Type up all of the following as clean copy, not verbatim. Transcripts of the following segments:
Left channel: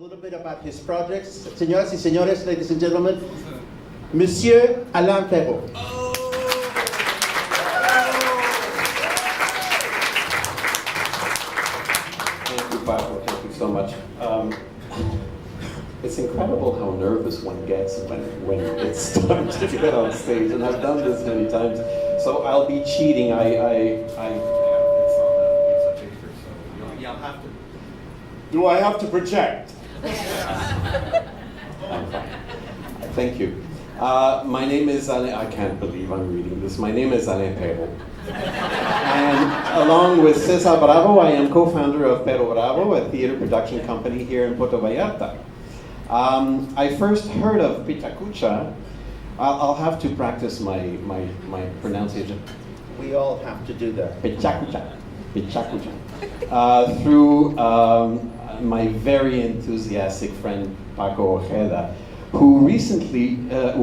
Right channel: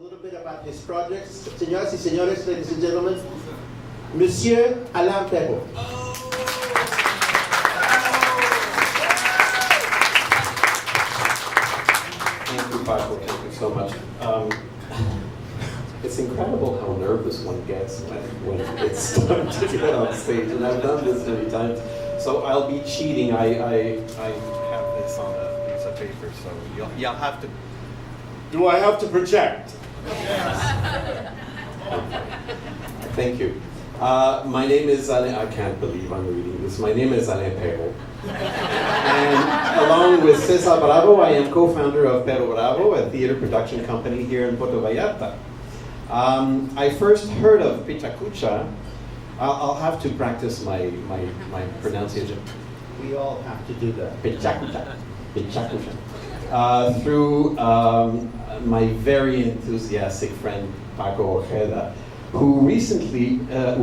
a little bit about his projects. Señoras y señores, ladies and gentlemen, Monsieur Alain Perreault. Thank you, Paco. Thank you so much. It's incredible how nervous one gets when it's time to get on stage, and I've done this many times. So I'll be cheating. I have this on a piece of paper, so you'll have to. Do I have to project? Thank you. My name is Alain. I can't believe I'm reading this. My name is Alain Perreault. And along with Cesar Bravo, I am co-founder of Perreault Bravo, a theater production company here in Puerto Vallarta. I first heard of PechaKucha. I'll have to practice my pronunciation. We all have to do that. PechaKucha. PechaKucha. Through my very enthusiastic friend Paco Ojeda, who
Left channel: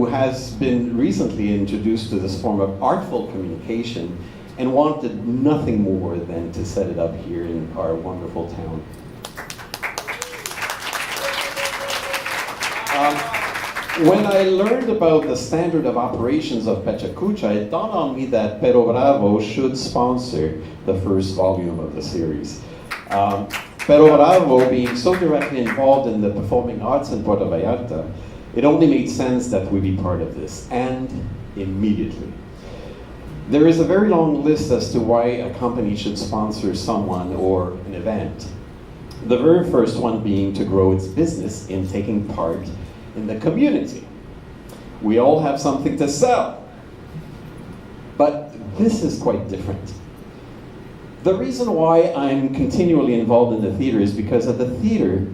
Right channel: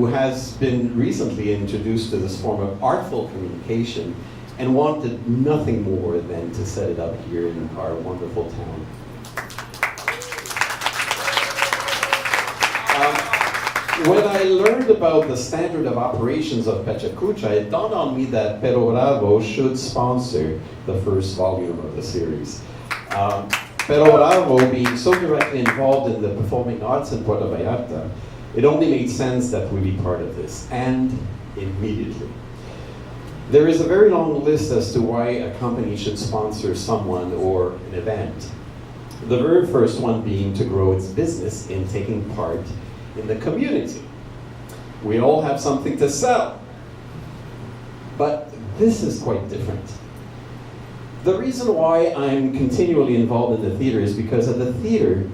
has been recently introduced to this form of artful communication and wanted nothing more than to set it up here in our wonderful town. When I learned about the standard of operations of PechaKucha, it dawned on me that Perreault Bravo should sponsor the first volume of the series. Perreault Bravo being so directly involved in the performing arts in Puerto Vallarta, it only made sense that we be part of this, and immediately. There is a very long list as to why a company should sponsor someone or an event. The very first one being to grow its business in taking part in the community. We all have something to sell. But this is quite different. The reason why I'm continually involved in the theater is because at the theater,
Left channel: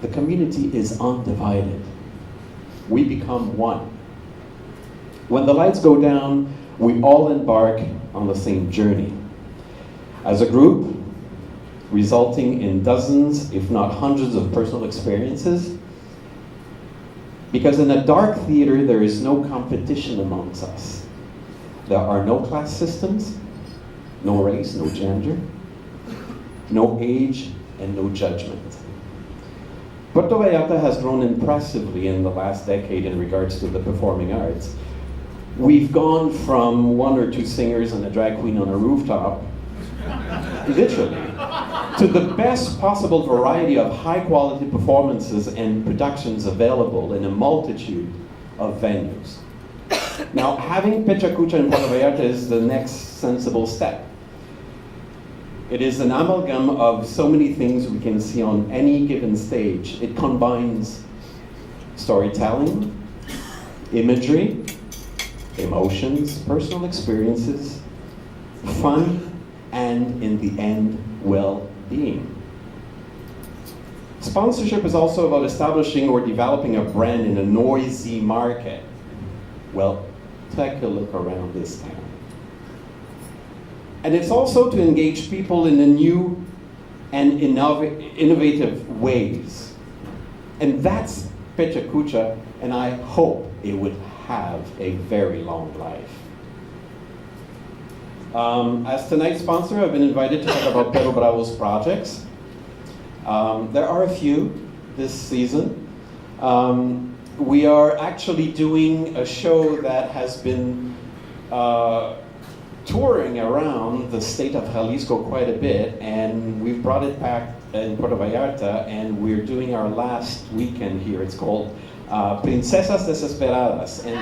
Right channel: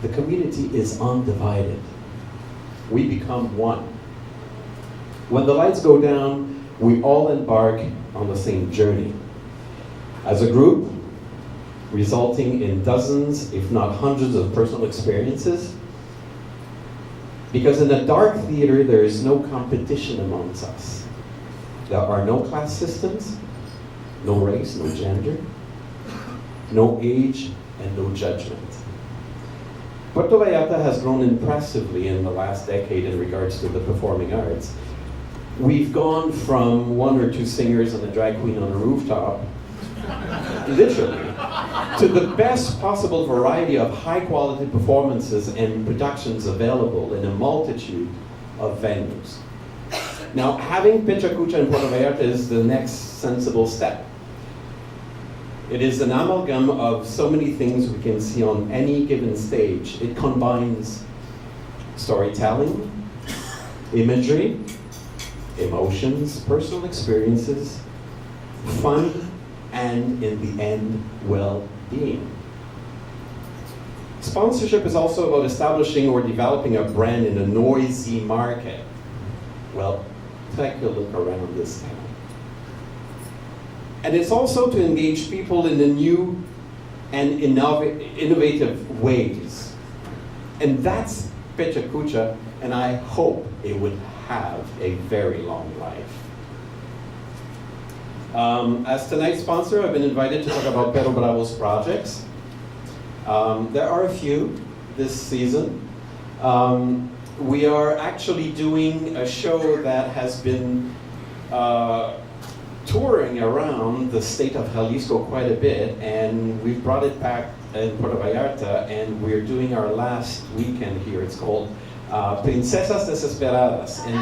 the community is undivided. We become one. When the lights go down, we all embark on the same journey. As a group, resulting in dozens, if not hundreds of personal experiences. Because in a dark theater, there is no competition amongst us. There are no class systems, no race, no gender, no age, and no judgment. Puerto Vallarta has grown impressively in the last decade in regards to the performing arts. We've gone from 1 or 2 singers and a drag queen on a rooftop, literally, to the best possible variety of high-quality performances and productions available in a multitude of venues. Now, having PechaKucha in Puerto Vallarta is the next sensible step. It is an amalgam of so many things we can see on any given stage. It combines storytelling, imagery, emotions, personal experiences, fun, and in the end, well-being. Sponsorship is also about establishing or developing a brand in a noisy market. Well, take a look around this town. And it's also to engage people in the new and innovative ways. And that's PechaKucha, and I hope it would have a very long life. As tonight's sponsor, I've been invited to talk about Perreault Bravo's projects. There are a few this season. We are actually doing a show that has been touring around the state of Jalisco quite a bit, and we've brought it back in Puerto Vallarta, and we're doing our last weekend here. It's called Princesas Desesperadas. And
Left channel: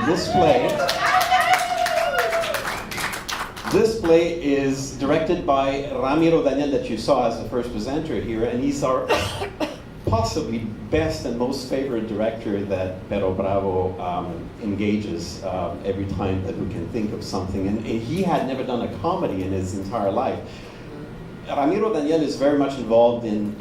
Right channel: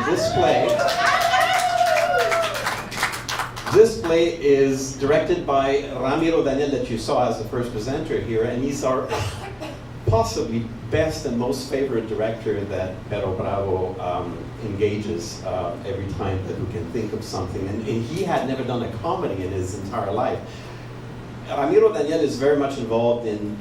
this play is directed by Ramiro Daniel, that you saw as the first presenter here, and he's our possibly best and most favorite director that Perreault Bravo engages every time that we can think of something. And he had never done a comedy in his entire life. Ramiro Daniel is very much involved in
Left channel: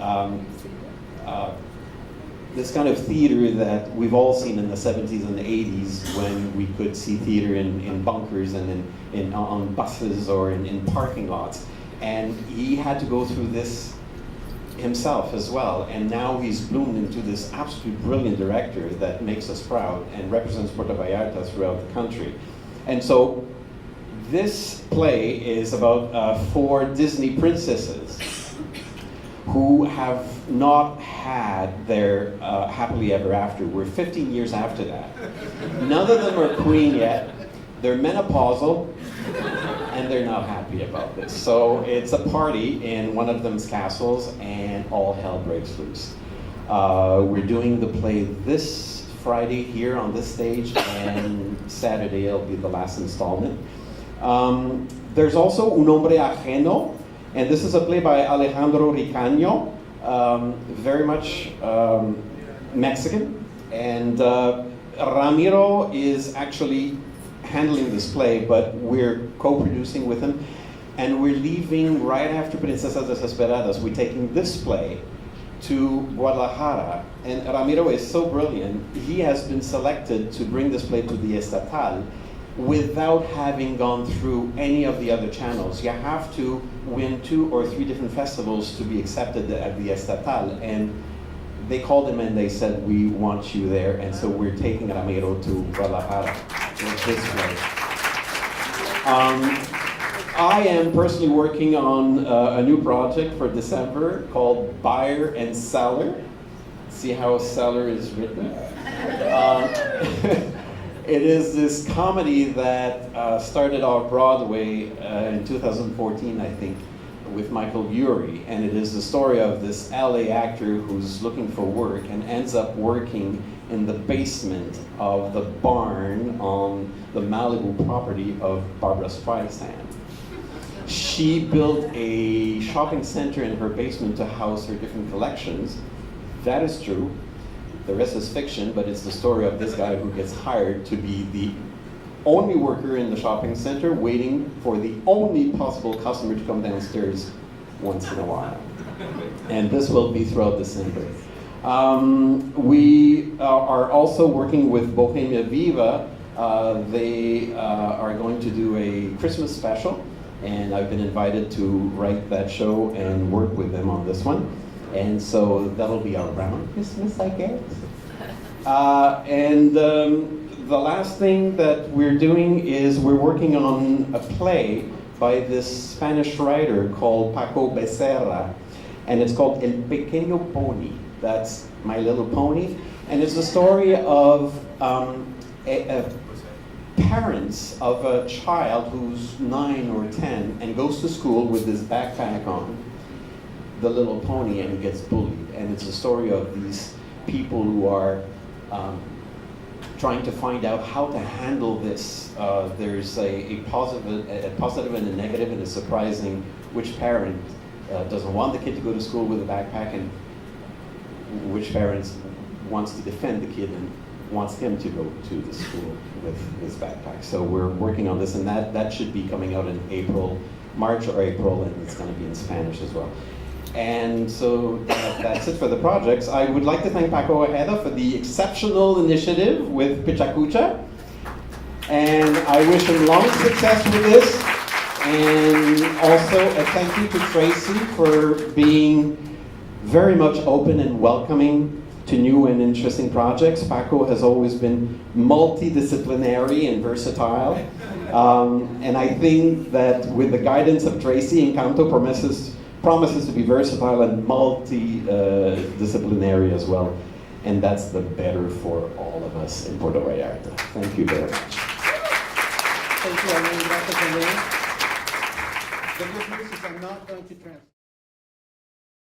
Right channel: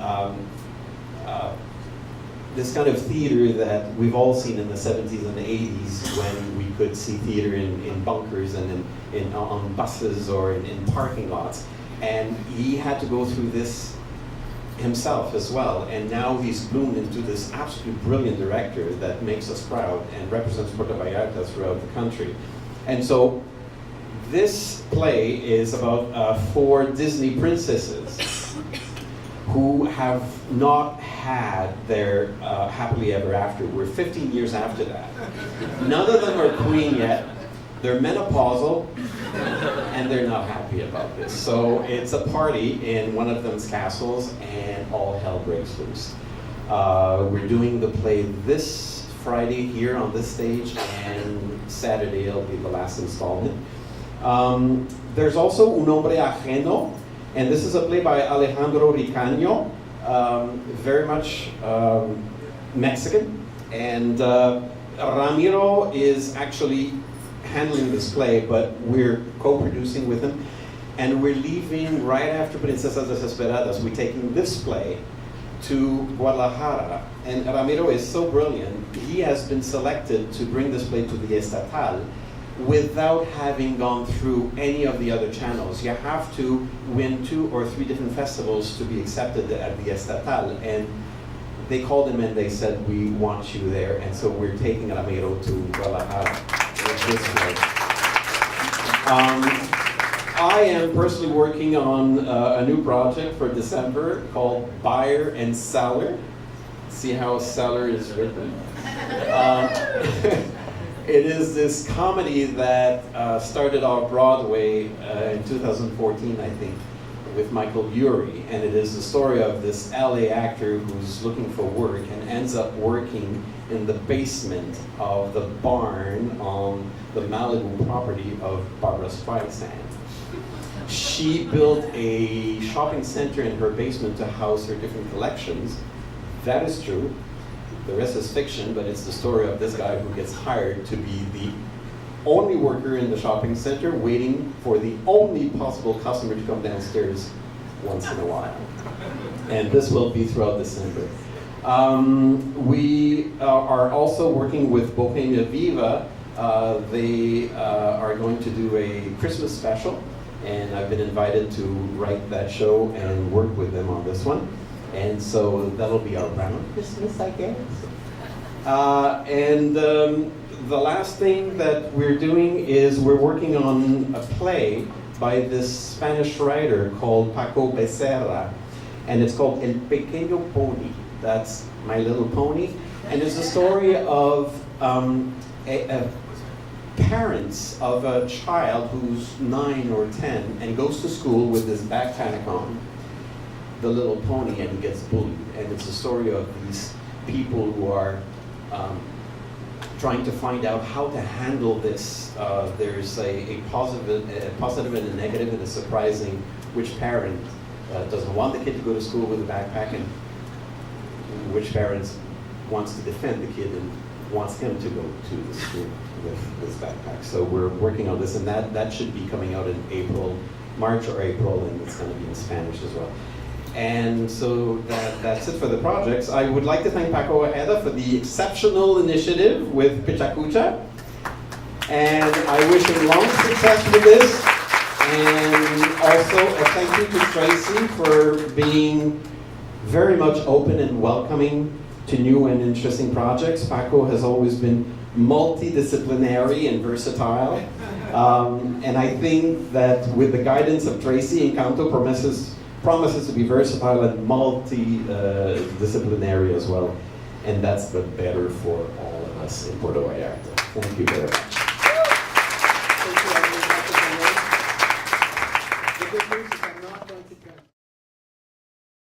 this kind of theater that we've all seen in the 70s and the 80s, when we could see theater in bunkers and on buses or in parking lots. And he had to go through this himself as well, and now he's bloomed into this absolutely brilliant director that makes us proud and represents Puerto Vallarta throughout the country. And so this play is about 4 Disney princesses who have not had their happily ever after. We're 15 years after that. None of them are queen yet. They're menopausal, and they're not happy about this. So it's a party in one of them's castles, and all hell breaks loose. We're doing the play this Friday here on this stage, and Saturday it'll be the last installment. There's also Un Hombre Ajeno, and this is a play by Alejandro Ricaño, very much Mexican, and Ramiro is actually handling this play, but we're co-producing with him, and we're leaving right after Princesas Desesperadas. We're taking this play to Guadalajara, and Ramiro is so brilliant, he has been selected to bring this play to the Estatal without having gone through any of the other channels. You have to win 2 or 3 different festivals to be accepted at the Estatal, and they called him and they said, we want you there, and so we're taking Ramiro to Vallarta this way. I am personally working on a new project for December called Buyer and Seller. See how seller is written? It is this comedy that started off Broadway in 2014, I think, with Michael Urie, and it is the story of this LA actor who's looking for work and ends up working in the basement of the barn on the Malibu property of Barbara Streisand. She built a shopping center in her basement to house her different collections. That is true. The rest is fiction, but it's the story of this guy who gets hired to be the only worker in the shopping center, waiting for the only possible customer to come downstairs once in a while. And this will be throughout December. We are also working with Bohemia Viva. They are going to do a Christmas special, and I've been invited to write that show and work with them on this one. And so that'll be around Christmas, I guess. The last thing that we're doing is we're working on a play by this Spanish writer called Paco Becerra, and it's called El Pequeño Pony. That's My Little Pony, and it's the story of parents of a child who's 9 or 10 and goes to school with this backpack on, the little pony, and he gets bullied. And it's the story of these people who are trying to find out how to handle this. There's a positive and a negative, and it's surprising which parent doesn't want the kid to go to school with a backpack, and which parents wants to defend the kid and wants him to go to the school with this backpack. So we're working on this, and that should be coming out in March or April, and it's going to be in Spanish as well. And so that's it for the projects. I would like to thank Paco Ojeda for the exceptional initiative with PechaKucha. And I wish him long success with this. And also a thank you to Tracy for being very much open and welcoming to new and interesting projects. Paco has always been multidisciplinary and versatile. And I think that with the guidance of Tracy, Encanto promises to be versatile and multidisciplinary as well. And that's the better for all of us in Puerto Vallarta. Thank you very much. Thank you, Alain. The good news is I'm not going to transfer.